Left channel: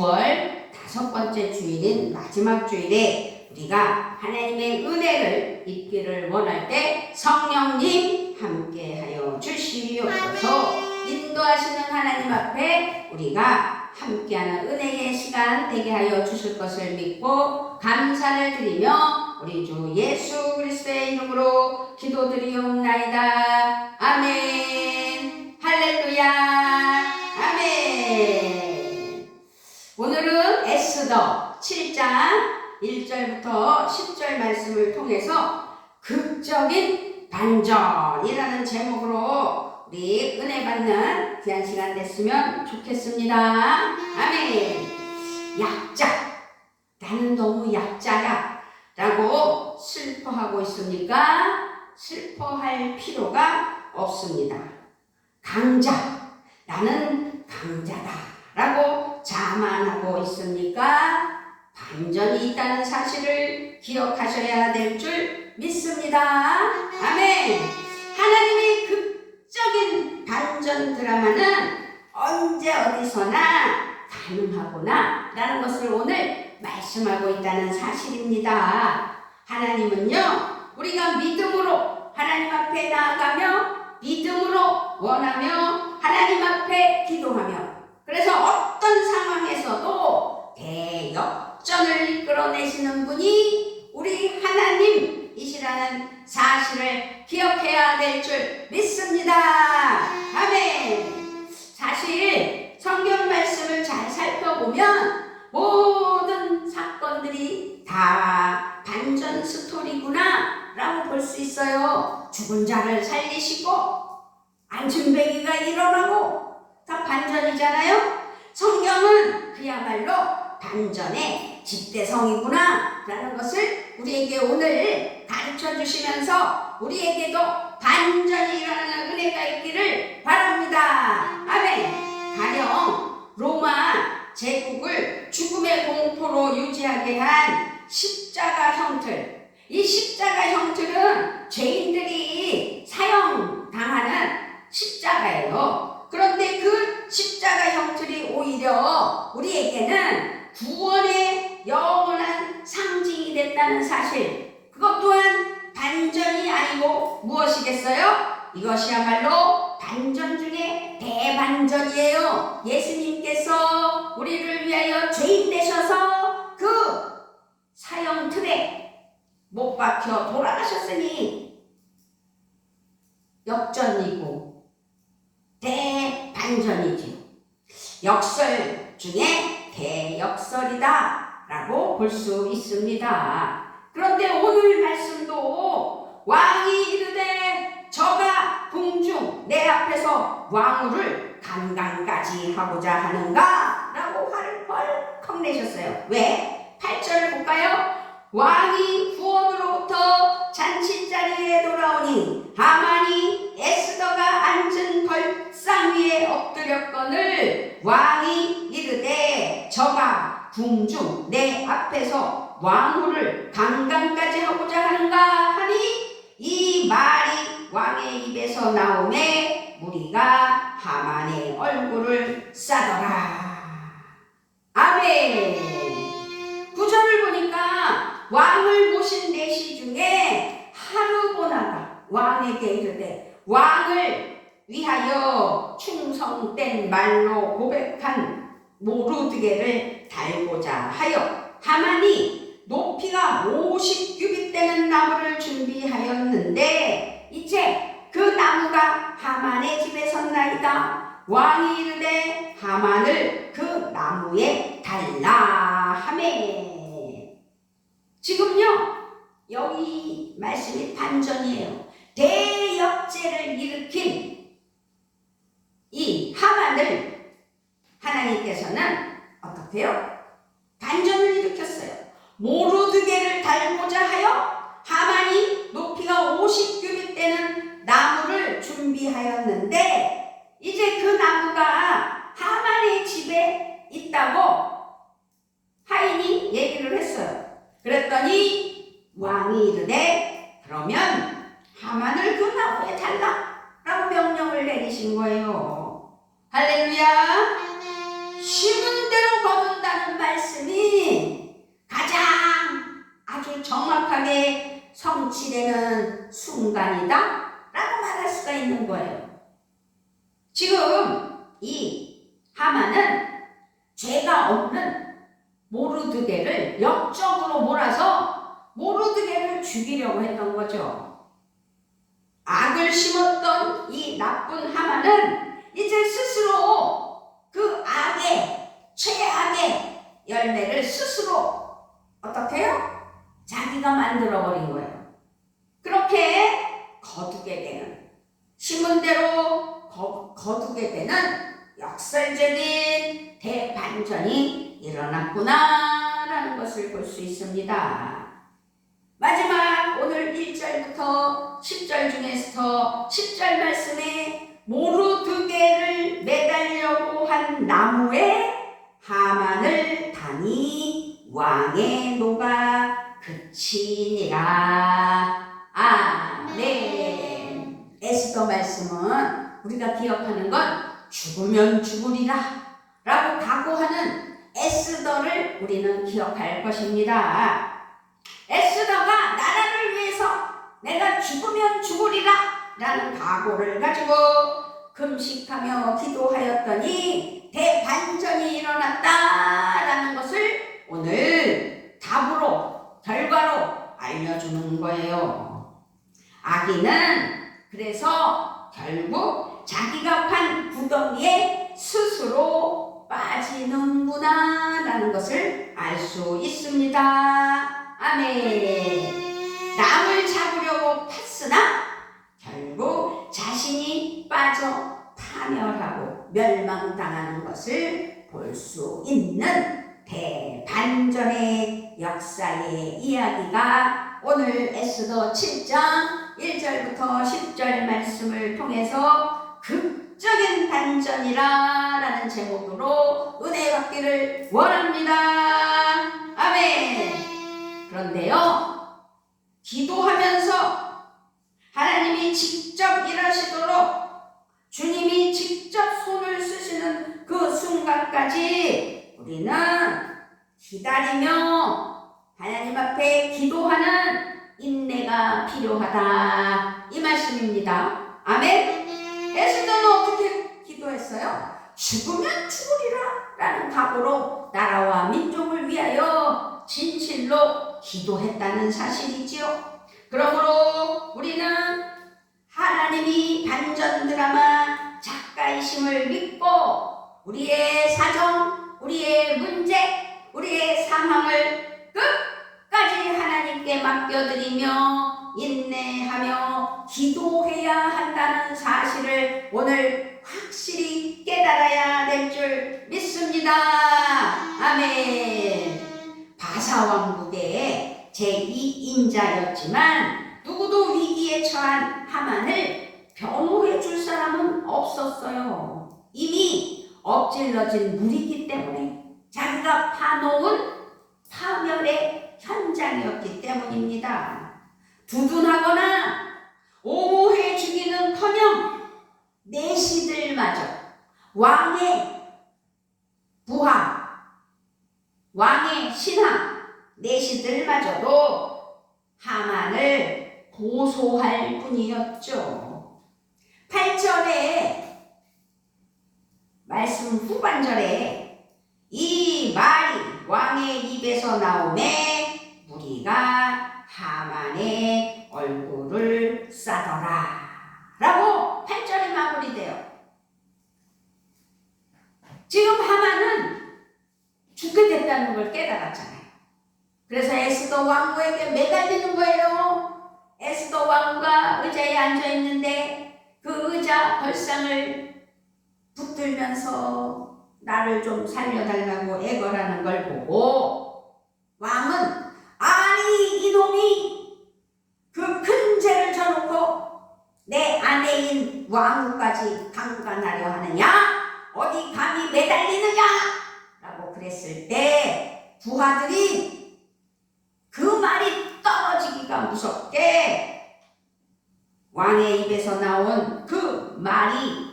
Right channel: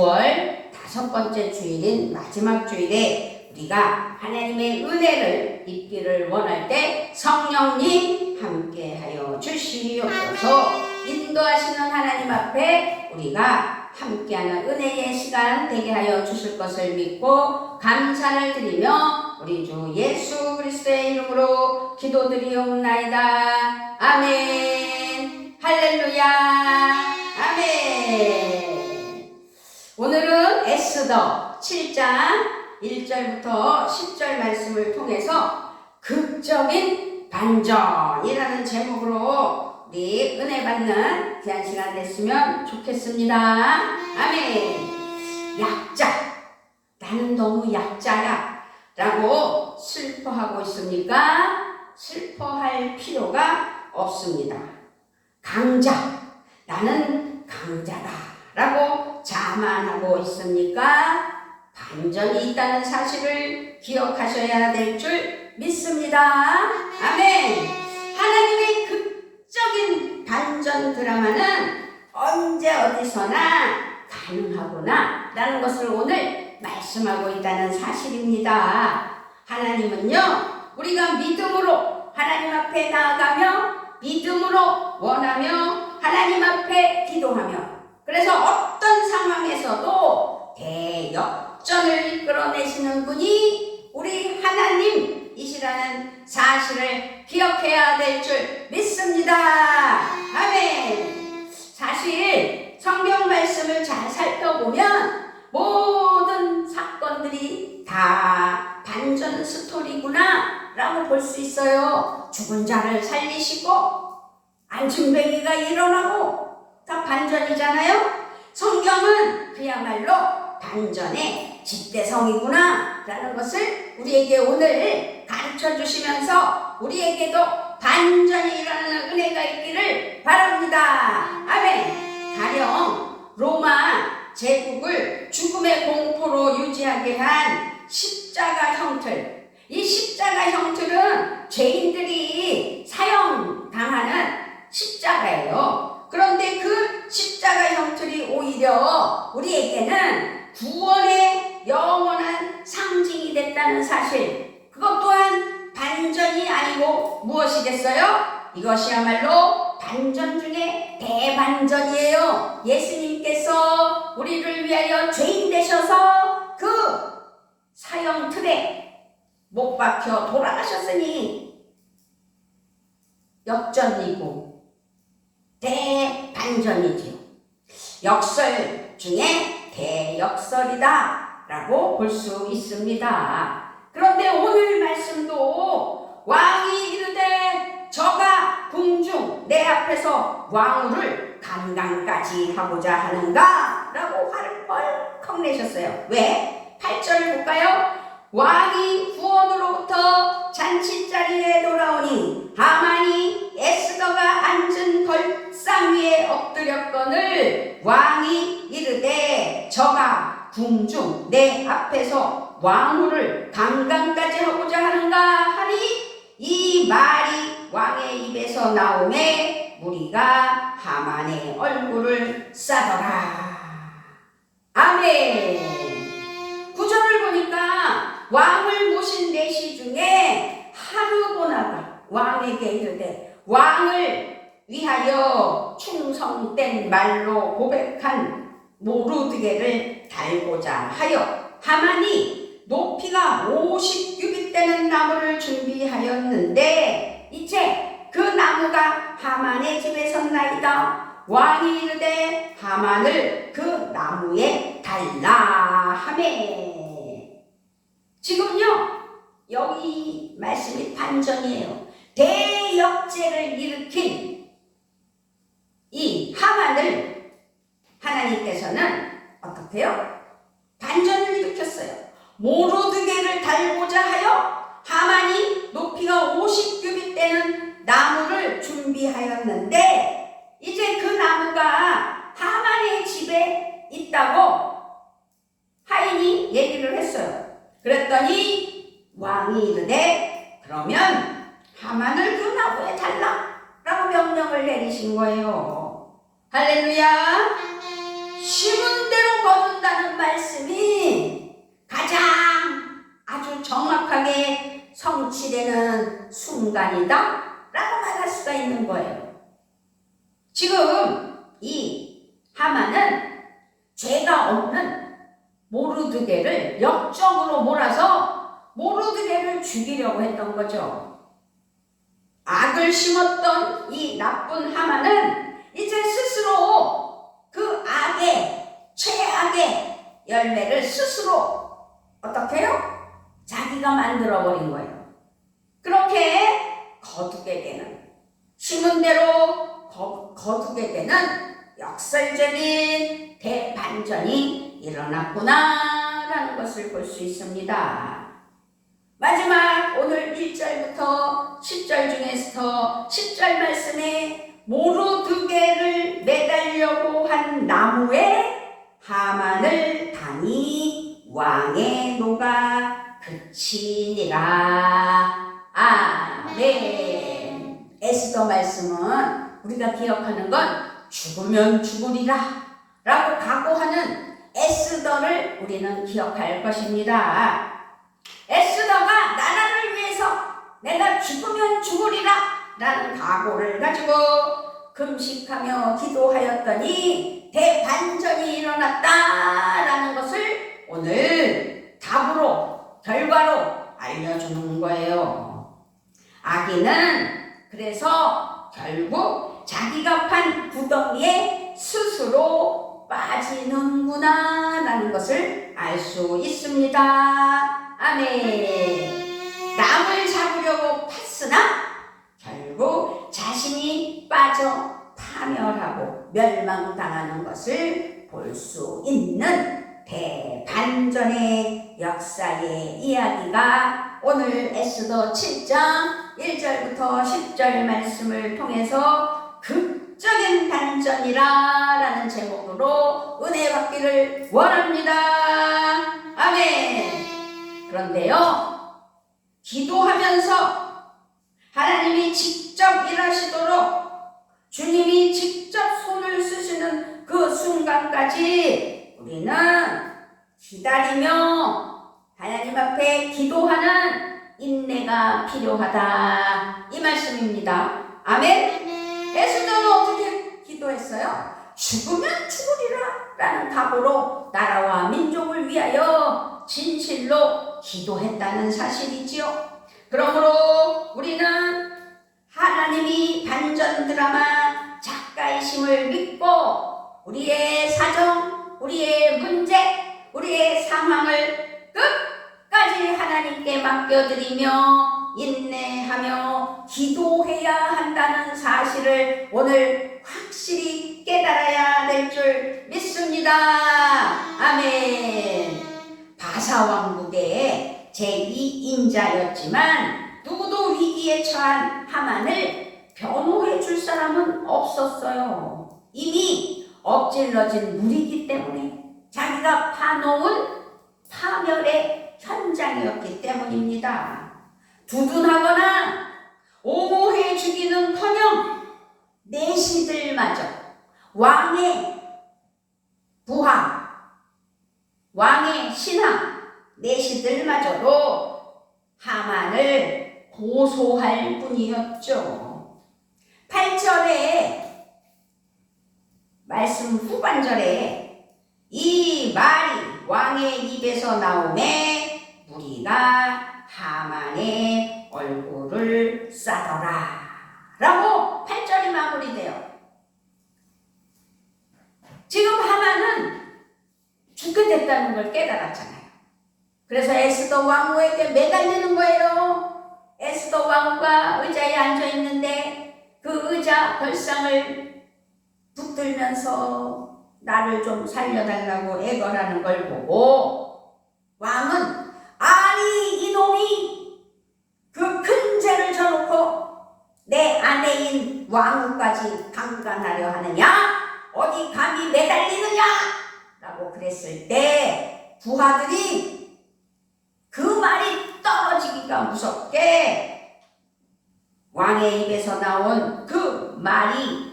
9월 5번째 주일인 마지막 주일에 우리가 하나님의 은혜를 입기를 원할 때 성령님 함께하여 주시옵소서. 인도하시는 하나님 앞에 우리가 함께하는 은혜의 시간 되게 하여 주실 것을 믿고 감사를 드리며 우리 주 예수 그리스도의 이름으로 기도드리옵나이다. 아멘. 할렐루야. 아멘. 오늘은 에스더 7장 1절부터 10절 말씀을 통해서 극적인 반전이라는 제목으로 우리 은혜 받는 귀한 시간 됐으면 좋겠습니다. 아멘. 약자. 나는 너무 약자야 라고 슬퍼하고 있습니까? 슬퍼할 필요가 없습니다. 강자. 나는 강자다 라고 자만하고 있습니까? 반전이 있다는 사실을 기억하셔야 될 줄 믿습니다. 아멘. 하나님의 극적인 반전 드라마는 언제 어디서나 가능하구나 라는 것을 오늘 말씀하고 있다는 사실입니다. 하나님은요, 우리가 믿음으로 하나님 앞에 나아가며 믿음으로 원하며 하나님 앞에 기도하며 그래서 어떤 상황에서도 대역전을 이끌어내시는 분이 우리 하나님이시라는 사실을 기억해야 될 줄 믿습니다. 아멘. 사실 성경 말씀을 잘 살펴보면 모든 사건들이 다 반전 스토리구나 라고 볼 수 있어요. 죽은 자를 살리시고 안증뱅이가 일어나고 다 반전이잖아요. 성경은 그야말로 반전의 집대성이구나 라는 것을 우리에게 오늘 가르쳐 주시면서 우리에게도 반전이 일어나는 은혜가 있기를 바랍니다. 아멘. 가령 로마 제국을 죽음의 공포로 유지하게 한 십자가 형틀. 이 십자가 형틀은 죄인들이 사형당하는 십자가예요. 그런데 그 십자가 형틀이 오히려 우리에게는 구원의 영원한 상징이 됐다는 사실. 그것 또한 반전이 아니고 무엇이겠어요? 이것이야말로 반전 중에 대반전이에요. 예수님께서 우리를 위하여 죄인 되셔서 그 사형틀에 못 박혀 돌아가셨으니 역전이고 대반전이지요. 역설 중에 대역설이다 라고 볼 수 있습니다. 그런데 오늘 말씀도 왕이 이르되 저가 궁중 내 앞에서 왕후를 강간까지 하고자 하는가? 라고 화를 벌컥 내셨어요. 왜? 8절 볼까요? 왕이 후원으로부터 잔치자리에 돌아오니 하만이 에스더가 앉은 벌상 위에 엎드렸거늘 왕이 이르되 저가 궁중 내 앞에서 왕후를 강간까지 하고자 하는가 하니 이 말이 왕의 입에서 나오매 무리가 하만의 얼굴을 싸더라. 아멘. 구절을 보니까 왕을 모신 내시 중에 하르보나가 왕에게 이르되 왕을 위하여 충성된 말로 고백한 모르드게를 달고자 하여 하만이 높이가 50규빗 되는 나무를 준비하였는데 이제 그 나무가 하만의 집에 섰나이다. 왕이 이르되 하만을 그 나무에 달라 하매. 지금요 여기 말씀이 반전이에요. 대역죄를 일으킨 이 하만을 하나님께서는 어떻게 해요? 반전을 일으켰어요. 모르드게를 달고자 하여 하만이 높이가 50규빗 되는 나무를 준비하였는데 이제 그 나무가 하만의 집에 있다고 하인이 얘기를 했어요. 그랬더니 왕이 이르되 그러면 하만을 그 나무에 달라 라고 명령을 내리신 거예요. 할렐루야. 심은 대로 거둔다 없는 모르드게를 역적으로 몰아서 모르드게를 죽이려고 했던 거죠. 악을 심었던 이 나쁜 하만은 이제 스스로 그 최악의 열매를 스스로 어떻게 해요? 자기가 만들어버린 거예요. 그렇게 거두게 되는, 심은 대로 거두게 되는 역설적인 대반전이 일어났구나라는 것을 볼 수 있습니다. 마지막 오늘 1절부터 10절 중에서 10절 말씀에 모르드게를 매달려고 한 나무에 하만을 다니 왕의 노가 그치니라. 아멘. 에스더 말씀은 우리가 기억하는 건 죽으면 죽으리라 라고 각오하는 에스더를 우리는 기억할 것입니다. 에스더가 나라를 위해서 내가 죽으면 죽으리라 라는 각오를 가지고 금식하며 기도하였더니 대반전이 일어났다라는 것을 오늘 답으로, 결과로 알려주는 거예요. 아기는 그래서 결국 자기가 판 구덩이에 스스로 빠지는구나 라는 것을 알 수 있습니다. 아멘. 남을 잡으려고 팠으나 결국 자신이 빠져 파멸하고 멸망당하는 것을 볼 수 있는 대반전의 역사의 이야기가 오늘 에스더 7장 1절부터 10절 말씀을 통해서 극적인 반전이라 라는 제목으로 은혜 받기를 원합니다. 아멘. 그런데요, 기도하면서 하나님이 직접 일하시도록 주님이 직접 손을 쓰시는 그 순간까지 우리는 기다리며 하나님 앞에 기도하는 인내가 필요하다, 이 말씀입니다. 아멘. 에스더는 어떻게 기도했어요? 죽으면 죽으리라 라는 각오로 나라와 민족을 위하여 진실로 기도했다는 사실이지요. 그러므로 우리는 하나님이 반전 드라마 작가이심을 믿고 우리의 사정, 우리의 문제, 우리의 상황을 끝까지 하나님께 맡겨드리며 인내하며 기도해야 한다는 사실을 오늘 확실히 깨달아야 될 줄 믿습니다. 아멘. 바사왕국의 제2인자였지만 누구도 위기에 처한 하만을 변호해 줄 사람은 없었어요. 이미 엎질러진 물이기 때문에, 자기가 파놓은 파멸의 현장이었기 때문입니다. 두둔하거나 옹호해 주기는커녕 내시들마저 왕의 부하, 왕의 신하 내시들마저도 하만을 고소할 뿐이었죠. 8절에 말씀 후반절에 이 말이 왕의 입에서 나오매 무리가 하만의 얼굴을 싸더라 라고 8절이 마무리돼요. 지금 하만은 죽게 됐다는 걸 깨달았잖아요. 그래서 에스더 왕후에게 매달리는 거예요. 에스더 왕후가 의자에 앉아 있는데 그 의자 벌상을 붙들면서 나를 좀 살려달라고 애걸하는 걸 보고 왕은, 아니 이놈이 그 큰 죄를 져놓고 내 아내인 왕후까지 강간하려 하느냐? 어디 감히 매달리느냐? 라고 그랬을 때 부하들이 그 말이 떨어지기가 무섭게, 왕의 입에서 나온 그 말이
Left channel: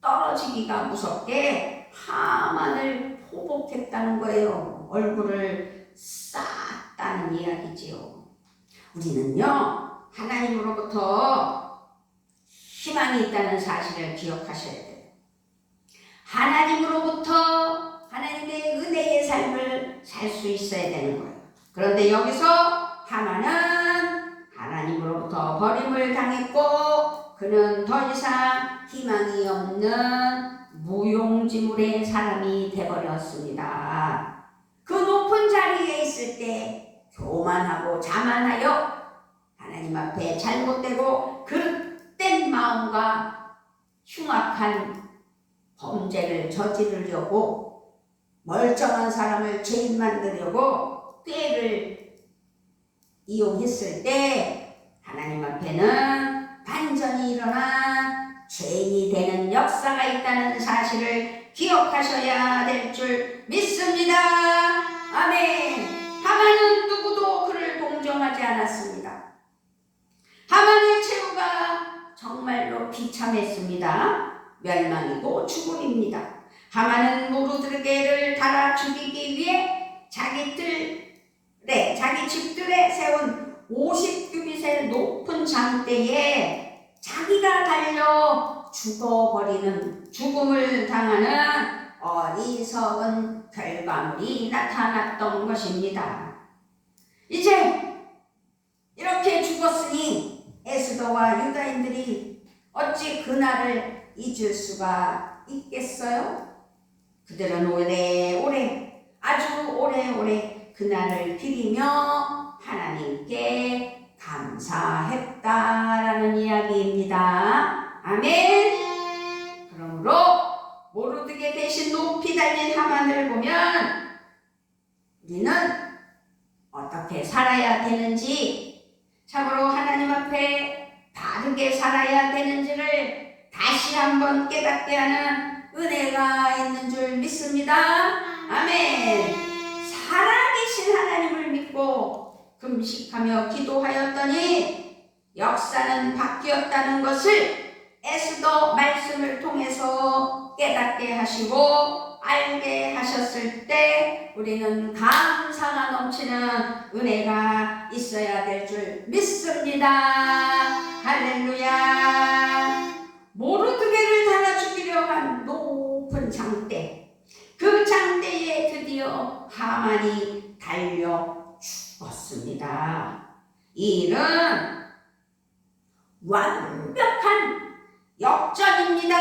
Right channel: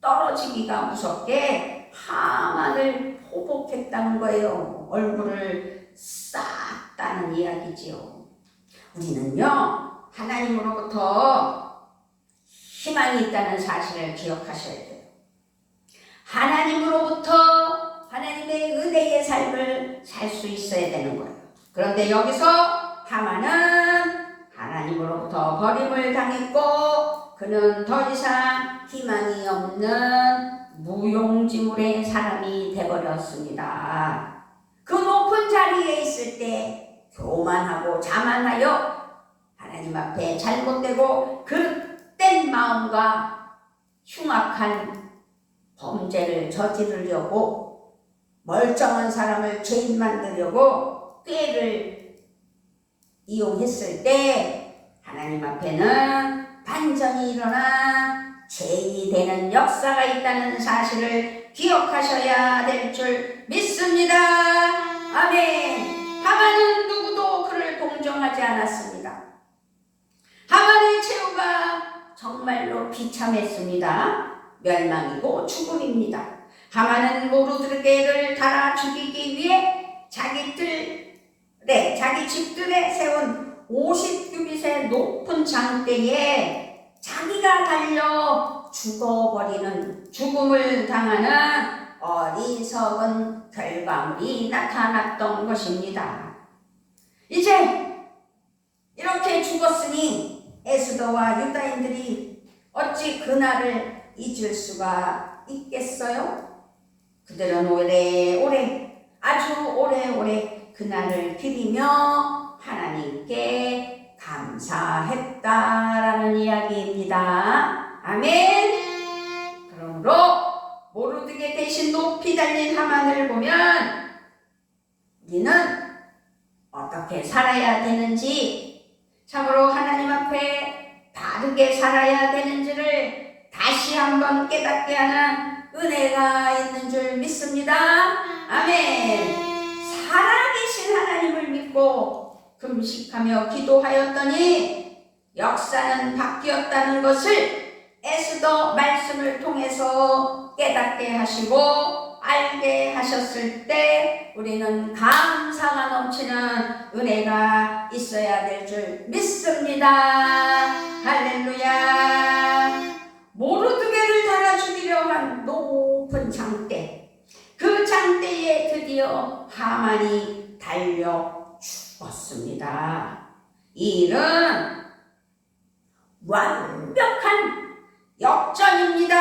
떨어지기가 무섭게 하만을 포복했다는 거예요. 얼굴을 쌌다는 이야기지요. 우리는요, 하나님으로부터 희망이 있다는 사실을 기억하셔야 돼요. 하나님으로부터, 하나님의 그런데 여기서 하만은 하나님으로부터 버림을 당했고 그는 더 이상 희망이 없는 무용지물의 사람이 되어버렸습니다. 그 높은 자리에 있을 때 교만하고 자만하여 하나님 앞에 잘못되고 그릇된 마음과 흉악한 범죄를 저지르려고 멀쩡한 사람을 죄인 만들려고 꾀를 이용했을 때 하나님 앞에는 반전이 일어나 죄인이 되는 역사가 있다는 사실을 기억하셔야 될 줄 믿습니다. 아멘. 하만은 누구도 그를 동정하지 않았습니다. 하만의 최후가 정말로 비참했습니다. 멸망이고 죽음입니다. 하만은 모르드게를 달아 죽이기 위해 자기 집들에 세운 50규빗의 높은 장대에 자기가 달려 죽어버리는 죽음을 당하는 어리석은 결과물이 나타났던 것입니다. 이제 이렇게 죽었으니 에스더와 유다인들이 어찌 그날을 잊을 수가 있겠어요? 그들은 오래오래 아주 오래오래 그날을 기리며 하나님께 감사했다라는 이야기입니다. 아멘. 그러므로 모르드게 대신 높이 달린 하만을 보면 우리는 어떻게 살아야 되는지, 참으로 하나님 앞에 바르게 살아야 되는지를 다시 한번 깨닫게 하는 은혜가 있는 줄 믿습니다. 아멘. 살아계신 하나님을 믿고 금식하며 기도하였더니 역사는 바뀌었다는 것을 에스더 말씀을 통해서 깨닫게 하시고 알게 하셨을 때 우리는 감사가 넘치는 은혜가 있어야 될 줄 믿습니다. 할렐루야. 모르드게를 달아 죽이려 한 높은 장대, 그 장대에 드디어 하만이 달려 죽었습니다. 이 일은 완벽한 역전입니다.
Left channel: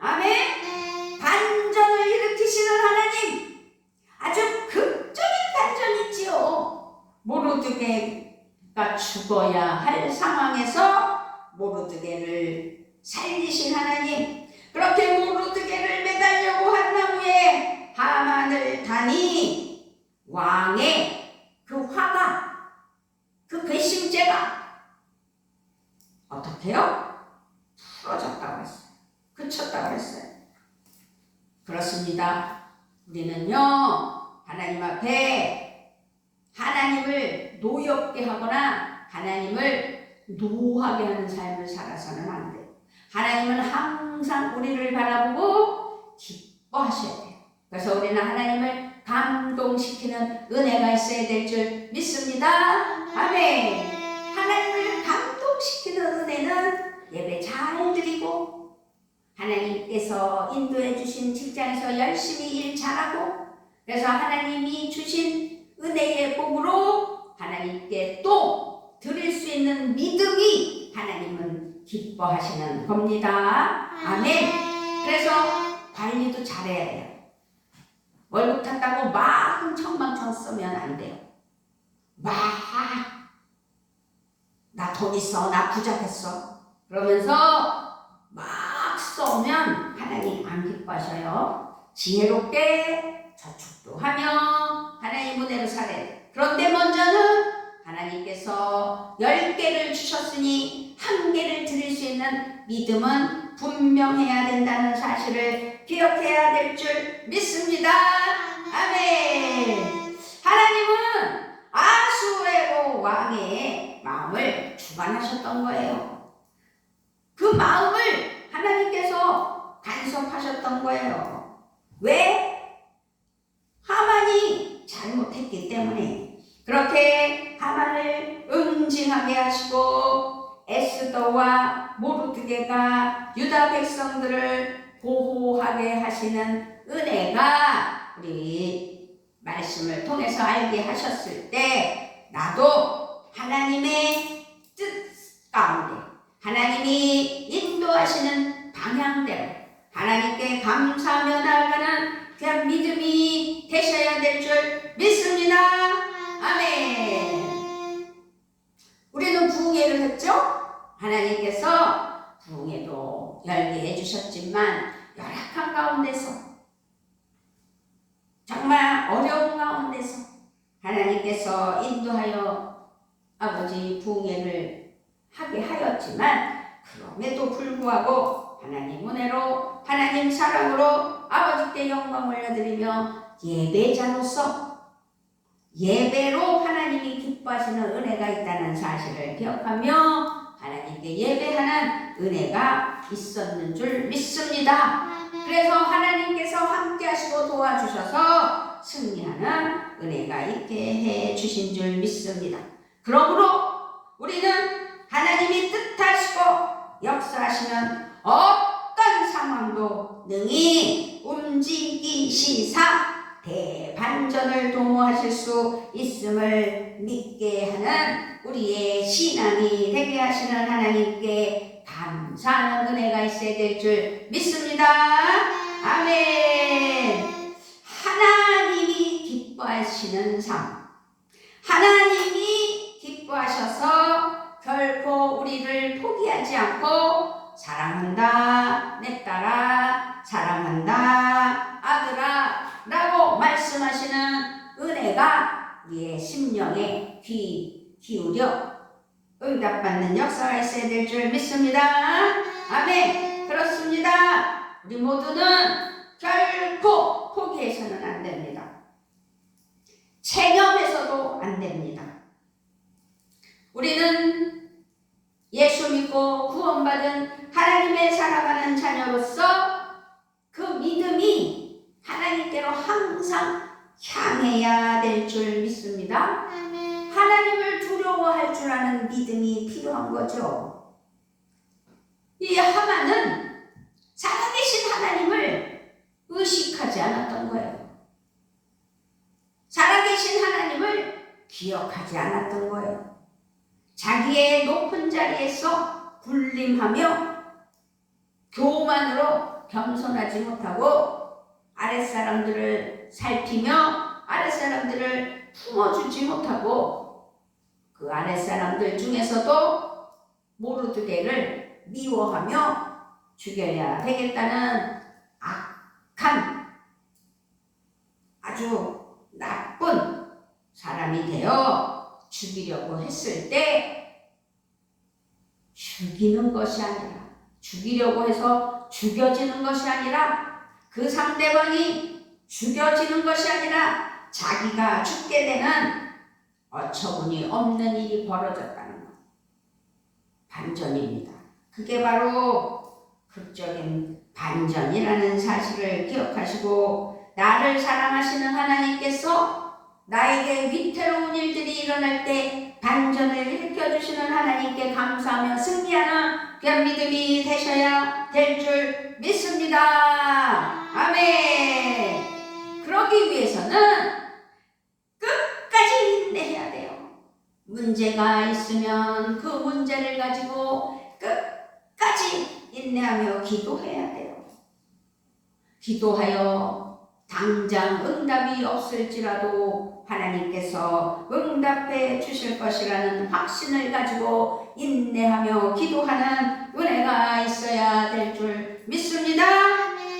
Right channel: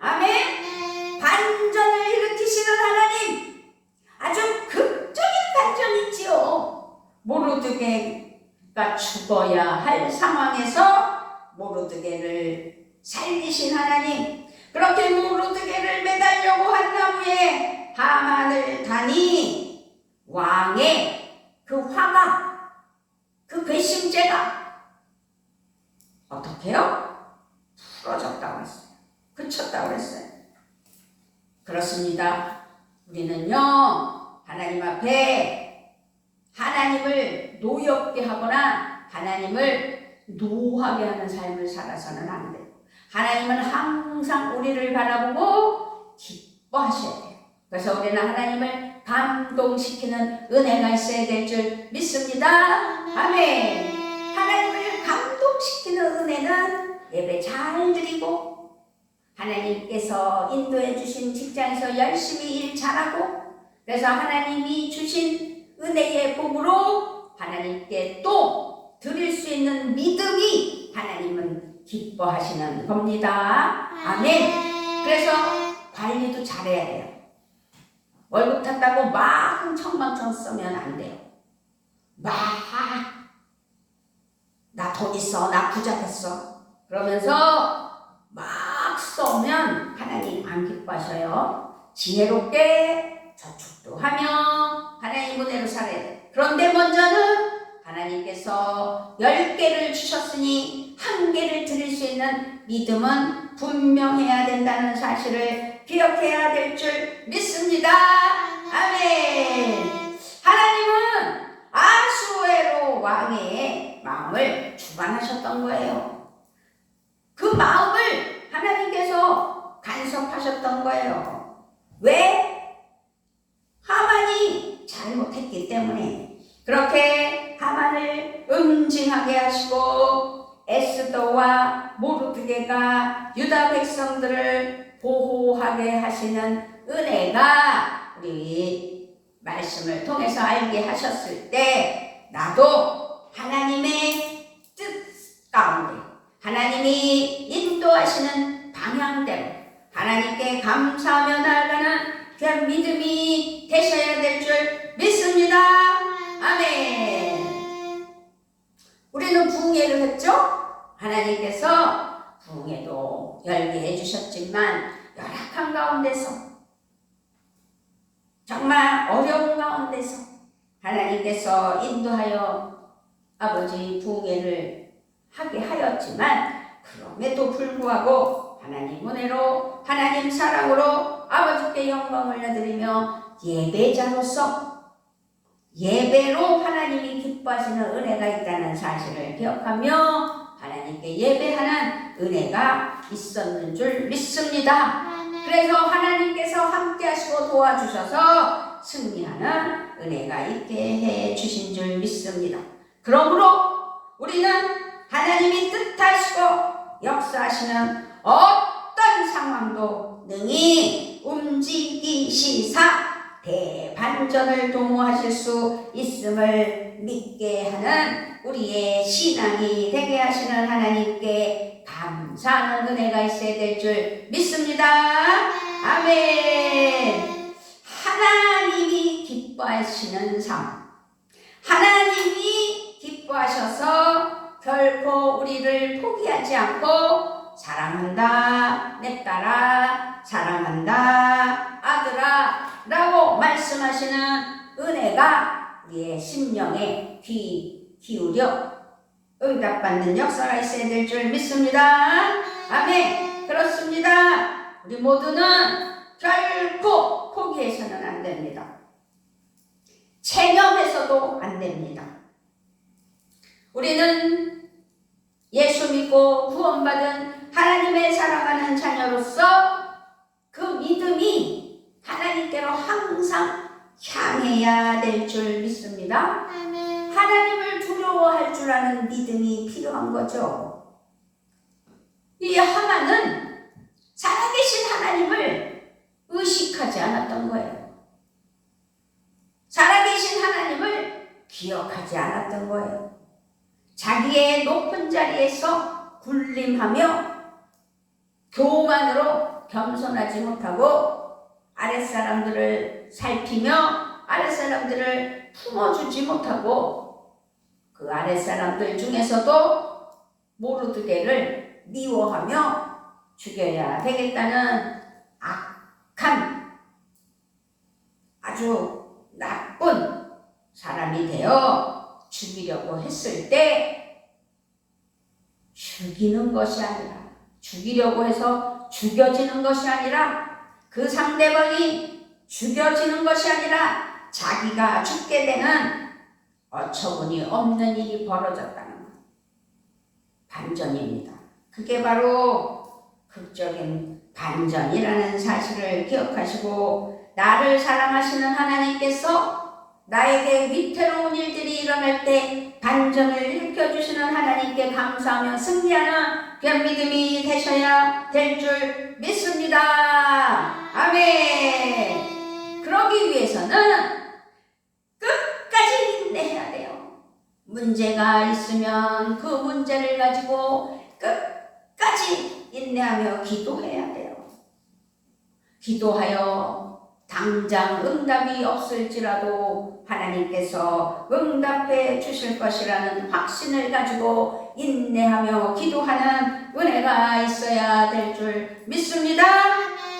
아멘. 반전을 일으키시는 하나님, 아주 극적인 반전이지요. 모르드게가 죽어야 할 상황에서 모르드게를 살리신 하나님, 그렇게 모르드게를 매달려고 한 나무에 하만을 다니 왕의 그 화가, 그 괘씸죄가 어떻게요? 풀어졌다고 했어요. 그쳤다고 했어요. 그렇습니다. 우리는요, 하나님 앞에 하나님을 노엽게 하거나 하나님을 노하게 하는 삶을 살아서는 안 돼요. 하나님은 항상 우리를 바라보고 기뻐하셔야 돼요. 그래서 우리는 하나님을 감동시키는 은혜가 있어야 될 줄 믿습니다. 아멘. 하나님을 감동시키는 은혜는 예배 잘 드리고, 하나님께서 인도해 주신 직장에서 열심히 일 잘하고, 그래서 하나님이 주신 은혜의 복으로 하나님께 또 드릴 수 있는 믿음이 하나님은 기뻐하시는 겁니다. 아멘. 그래서 관리도 잘해야 돼요. 월급 탔다고 막 흥청망청 쓰면 안 돼요. 나 돈 있어, 나 부자 됐어, 그러면서 막 쏘면 하나님 안 기뻐하셔요. 지혜롭게 저축도 하며 하나님 은혜로 살아야 돼. 그런데 먼저는 하나님께서 10개를 주셨으니 1개를 드릴 수 있는 믿음은 분명해야 된다는 사실을 기억해야 될 줄 믿습니다. 아멘. 하나님은 아수에로 왕의 마음을 주관하셨던 거예요. 그 마음을 하나님께서 간섭하셨던 거예요. 왜? 하만이 잘못했기 때문에. 그렇게 하만을 응징하게 하시고 에스더와 모르드게가 유다 백성들을 보호하게 하시는 은혜가 우리 말씀 말씀을 통해서 알게 하셨을 때 나도 하나님의 뜻 가운데 하나님이 인도하시는 방향대로 하나님께 감사하며 나아가는 그 믿음이 되셔야 될 줄 믿습니다. 아멘. 우리는 부흥회를 했죠? 하나님께서 부흥회도 열게 해주셨지만 열악한 가운데서 정말 어려운 가운데서 하나님께서 인도하여 아버지 부흥회를 하게 하였지만 그럼에도 불구하고 하나님 은혜로 하나님 사랑으로 아버지께 영광 올려드리며 예배자로서 예배로 하나님이 기뻐하시는 은혜가 있다는 사실을 기억하며 하나님께 예배하는 은혜가 있었는 줄 믿습니다. 그래서 하나님께서 함께 하시고 도와주셔서 승리하는 은혜가 있게 해 주신 줄 믿습니다. 그러므로 우리는 하나님이 뜻하시고 역사하시는 어떤 상황도 능히 움직이시사 대반전을 도모하실 수 있음을 믿게 하는 우리의 신앙이 되게 하시는 하나님께 감사하는 은혜가 있어야 될 줄 믿습니다. 아멘. 하나님이 기뻐하시는 삶, 하나님이 기뻐하셔서 결코 우리를 포기하지 않고 사랑한다 내 딸아, 사랑한다 아들아 라고 말씀하시는 은혜가 우리의 심령에 귀 기울여 응답받는 역사가 있어야 될 줄 믿습니다. 아멘. 그렇습니다. 우리 모두는 결코 포기해서는 안 됩니다. 체념해서도 안 됩니다. 우리는 예수 믿고 구원받은 하나님의 사랑하는 자녀로서 그 믿음이 하나님께로 항상 향해야 될 줄 믿습니다. 하나님을 두려워할 줄 아는 믿음이 필요한 거죠. 이 하만은 살아계신 하나님을 의식하지 않았던 거예요. 살아계신 하나님을 기억하지 않았던 거예요. 자기의 높은 자리에서 군림하며 교만으로 겸손하지 못하고 아랫사람들을 살피며 아랫사람들을 품어주지 못하고 그 아랫사람들 중에서도 모르드게를 미워하며 죽여야 되겠다는 악한 아주 나쁜 사람이 되어 죽이려고 했을 때 죽이는 것이 아니라 죽이려고 해서 죽여지는 것이 아니라 그 상대방이 죽여지는 것이 아니라 자기가 죽게 되는 어처구니 없는 일이 벌어졌다는 것. 반전입니다. 그게 바로 극적인 반전이라는 사실을 기억하시고 나를 사랑하시는 하나님께서 나에게 위태로운 일들이 일어날 때 반전을 일으켜주시는 하나님께 감사하며 승리하는 그런 믿음이 되셔야 될 줄 믿습니다. 아멘. 그러기 위해서는 끝까지 인내해야 돼요. 문제가 있으면 그 문제를 가지고 끝까지 인내하며 기도해야 돼요. 기도하여 당장 응답이 없을지라도 하나님께서 응답해 주실 것이라는 확신을 가지고 인내하며 기도하는 은혜가 있어야 될 줄 믿습니다.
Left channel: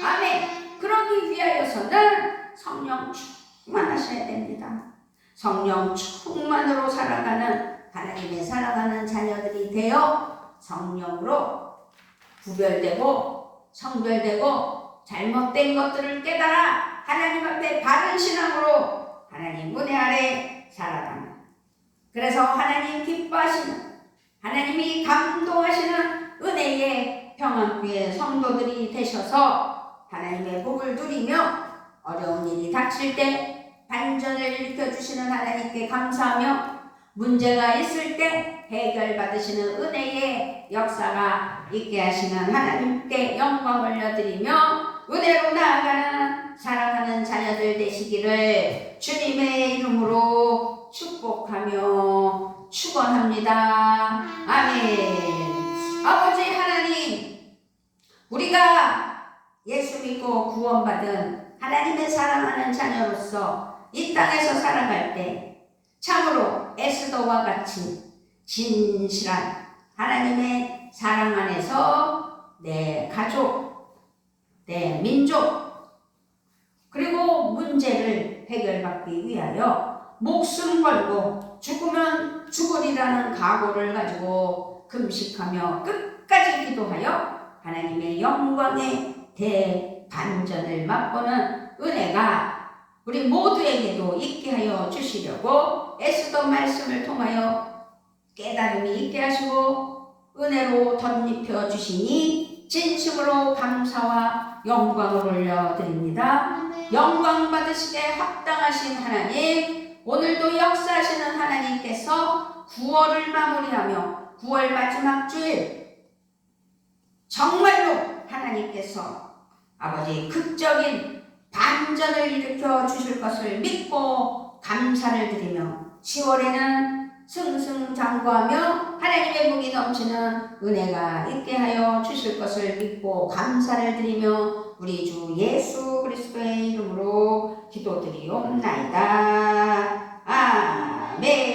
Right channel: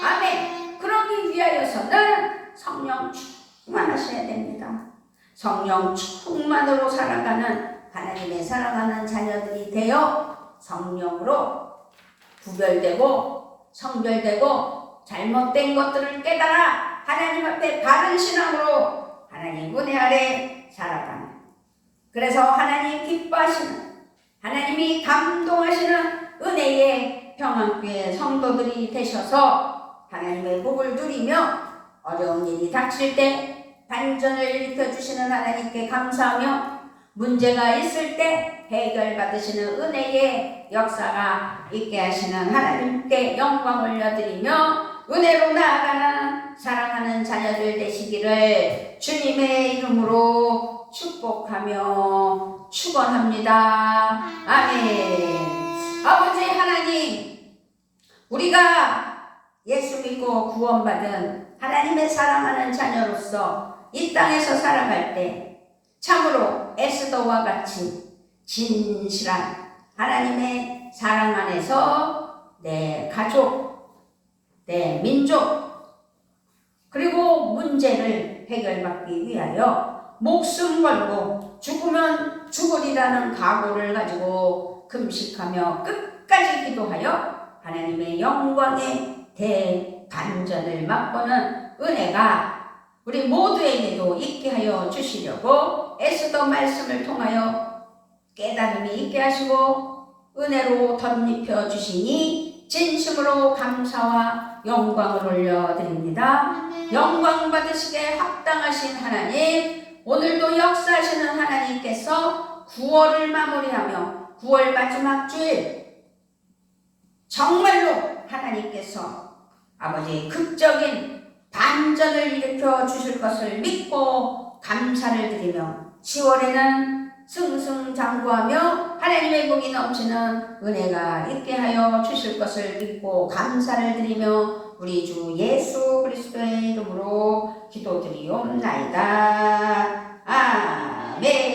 아멘. 그러기 위하여서는 성령 충만하셔야 됩니다. 성령 충만으로 살아가는 하나님의 사랑하는 자녀들이 되어 성령으로 구별되고 성별되고 잘못된 것들을 깨달아 하나님 앞에 바른 신앙으로 하나님 은혜 아래 살아가는, 그래서 하나님 기뻐하시는, 하나님이 감동하시는 은혜의 평안교회 성도들이 되셔서 하나님의 복을 누리며 어려운 일이 닥칠 때 반전을 일으켜주시는 하나님께 감사하며 문제가 있을 때 해결받으시는 은혜의 역사가 있게 하시는 하나님께 영광 올려드리며 은혜로 나아가는 사랑하는 자녀들 되시기를 주님의 기억하며 축원합니다. 아멘. 아버지 하나님, 우리가 예수 믿고 구원받은 하나님의 사랑하는 자녀로서 이 땅에서 살아갈 때 참으로 에스더와 같이 진실한 하나님의 사랑 안에서 내 가족, 내 민족, 그리고 문제를 해결받기 위하여 목숨 걸고 죽으면 죽으리라는 각오를 가지고 금식하며 끝까지 기도하여 하나님의 영광의 대반전을 맛보는 은혜가 우리 모두에게도 있게 하여 주시려고 에스더 말씀을 통하여 깨달음이 있게 하시고 은혜로 덧입혀 주시니 진심으로 감사와 영광을 올려드립니다. 영광 받으시게 합당하신 하나님, 오늘도 역사하시는 하나님께서 9월을 마무리하며 9월 마지막 주일 정말로 하나님께서 아버지 극적인 반전을 일으켜 주실 것을 믿고 감사를 드리며 10월에는 승승장구하며 하나님의 복이 넘치는 은혜가 있게 하여 주실 것을 믿고 감사를 드리며 우리 주 예수 그리스도의 이름으로 기도드리옵나이다. 아멘.